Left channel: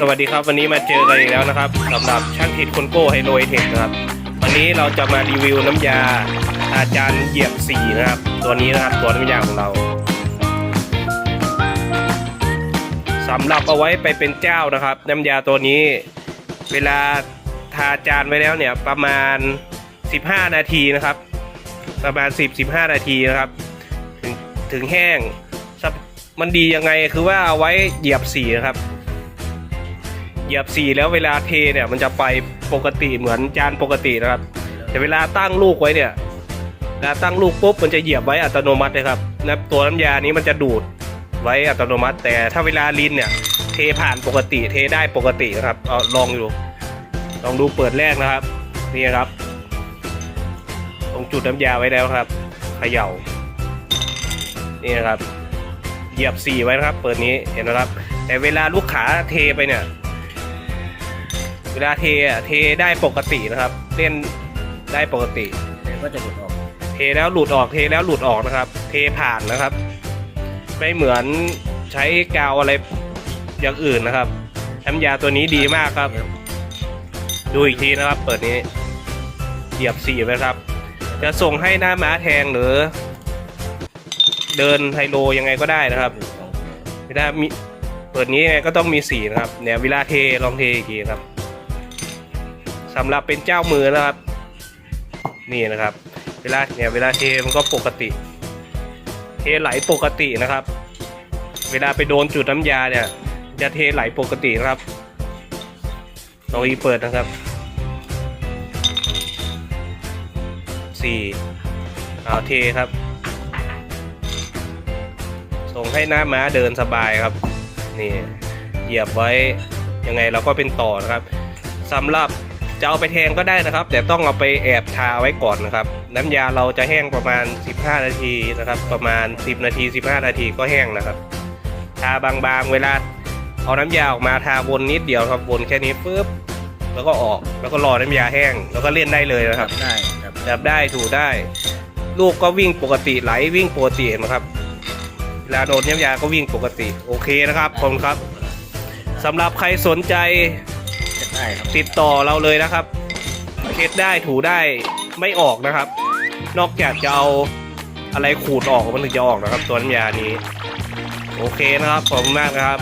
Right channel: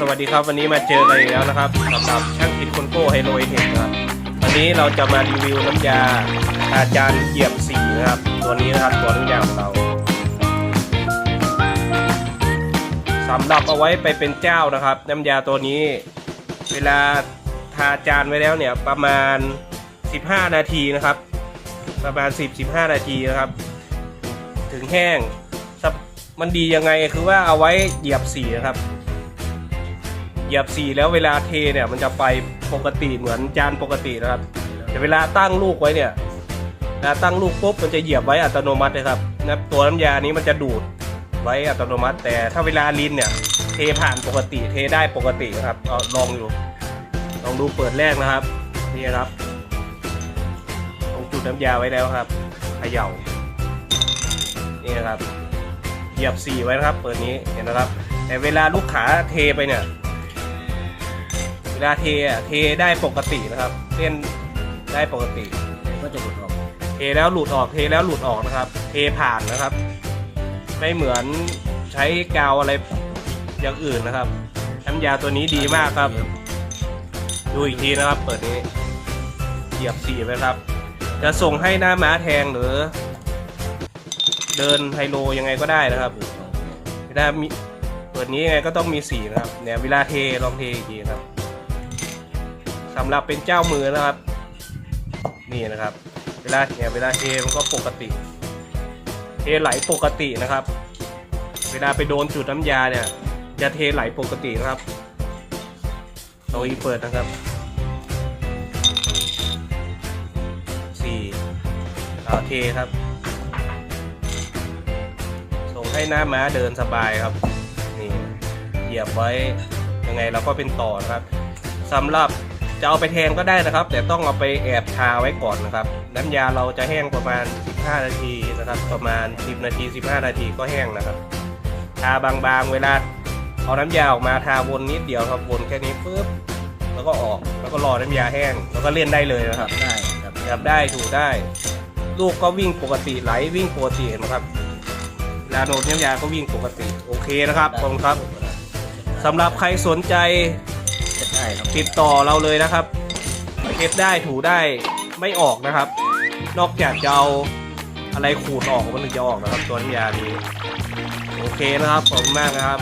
สวัสดีครับวันนี้มาเจอกันอีกแล้วนะครับสำหรับช่างทิศคนโก้ไฮโลเทคนะครับวันนี้เราจะมารีวิวน้ำยาอาจารย์เหยียบสีนะครับ ตัวนี้นะครับตัวน้ำยาของเราสำหรับเอาไว้ไปเป็นเจ้านะครับ น้ำยาตัวนี้ เวลาทาจานไว้แล้วเนี่ยประมาณ 15 นาทีนะครับ ประมาณ 10-15 นาทีนะครับ ถึงแห้งมันดียังไงคือว่าเอาไว้เหยียบสีนะครับ เหยียบสีแล้วเวลาเทเนี่ยมันจะไปปกติเหมือนจานปกตินะครับ แต่เวลาตั้งลูกไว้เนี่ยเวลาตั้งลูกปุ๊บมันจะเหยียบไว้อัตโนมัติเลยครับนะตัวน้ำยานี้มันจะดูดไว้อัตโนมัติ แต่ถ้าเวลาลินเนี่ยเทผ่านปกติเทได้ปกตินะครับเอาลองดูลองดูเปิดแรกนะครับนี่ครับ ตรงจุดน้ำยาไว้แล้วครับเขย่านี่นะครับเหยียบสีไว้นะครับ เปิดนี้เห็นนะครับ แต่เวลาลูกขาเทไปเนี่ย ลาเทอะเทได้ปกตินะครับเล่นได้ปกติก็จะหลุดออกเทแล้วหลุดออกเทแล้วหลุดออกนะครับ เทผ่านนะครับ ไม่เหมือนใช้กาวอะไรอย่างอื่นนะครับน้ำยาตัวนี้ดีมากครับ ดูอีกทีนะครับ เปิดนี้เหยียบสีไว้ครับ จะส่งให้หน้าม้าแทงหรือ เดินไฮโลยังไงก็ได้นะครับเวลามีเปิดนี้ยังไงก็ต้องมีสีนะครับเนี่ยเวลาเทลองเทอีกทีนะครับ สำหรับเป็นเจ้ามือนะครับ นี่นะครับ เวลาเนี่ยเวลาเทมันก็ปกติ เทไหลปกตินะครับ เวลาไปโดนจุดน้ำยาเนี่ย จะเทไหลปกตินะครับเราอีเปิดนะครับสี่เอาเทครับ ส่งให้หน้าม้าเดินสบายครับนี่เหยียบไว้ยังไงเราก็เป็นต่อนะครับสำหรับ จะเอาไปแทงก็ได้นะครับ แต่ต้องเอาไปแอบทาไว้ก่อนนะครับ น้ำยาเราจะแห้งประมาณ 15 นาทีนะครับ ประมาณ 10 นาที 15 นาทีก็แห้งนะครับ ทาบางๆเวลาเอาน้ำยาออกมาทาวนนิดเดียวครับวนแค่นี้ปุ๊บแล้วก็ออกแล้วก็รอน้ำยาแห้ง แล้วก็เล่นได้เลยนะคจัรับบได้ครับจับได้ถูได้ ลูกก็วิ่งปกติไหลวิ่งปกติเห็นะครับเวลาโดนน้ำยาก็วิ่งปกติ โอเคนะครับขอบคุณครับสำหรับใครสนใจ จับได้ครับติดต่อเราเลยนะครับเช็ดได้ถูได้ไม่ออกนะครับ นอกจากจะเอาอะไรขูดออกมันถึงจะออกนะครับ ตัวน้ำยานี้ โอเคนะครับขอบคุณมากครับ